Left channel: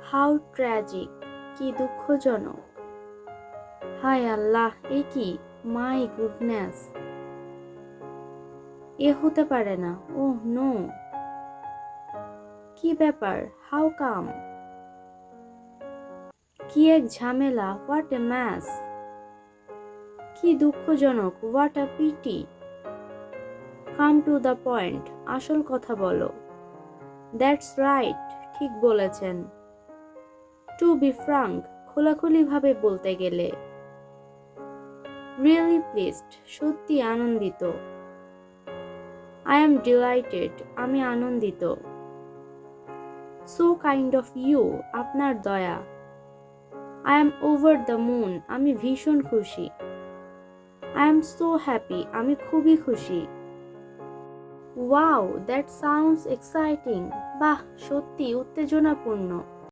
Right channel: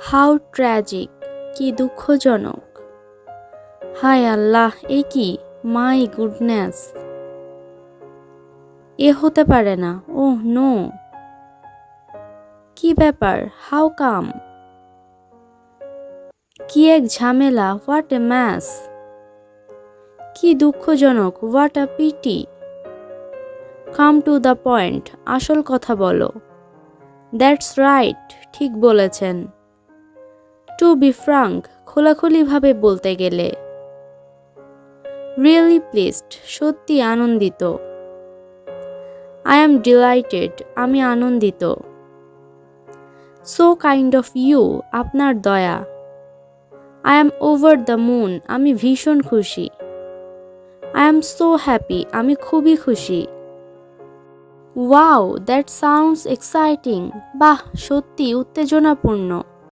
How tragic, কি দুঃখজনক। হায় আল্লাহ, এ কি! মাই গুডনেস, এ হতে পারে না। Oh no! কি ব্যাপার? How come? কি এক ঝামেলা! What a mess! কি দুঃখজনক! What a pity! Come to the point, আসল কথা বলো। দ্যাটস রাইট, ঠিক বলেছেন। টু বি ফ্রাঙ্ক, খোলাখুলিভাবে বলতে গেলে। রিয়েলি প্লিজড, সত্যি আনন্দিত। আই অ্যাম ডিলাইটেড, আমি আনন্দিত। সো কাইন্ড অফ ইউ, আপনার দয়া। I am over the moon, আমি ভীষণ খুশি। আই অ্যাম সো হ্যাপি, আমি খুবই খুশি। ওয়াও, দ্যাট সাউন্ডস এক্সাইটিং, বাহ, সত্যি উত্তেজনাপূর্ণ।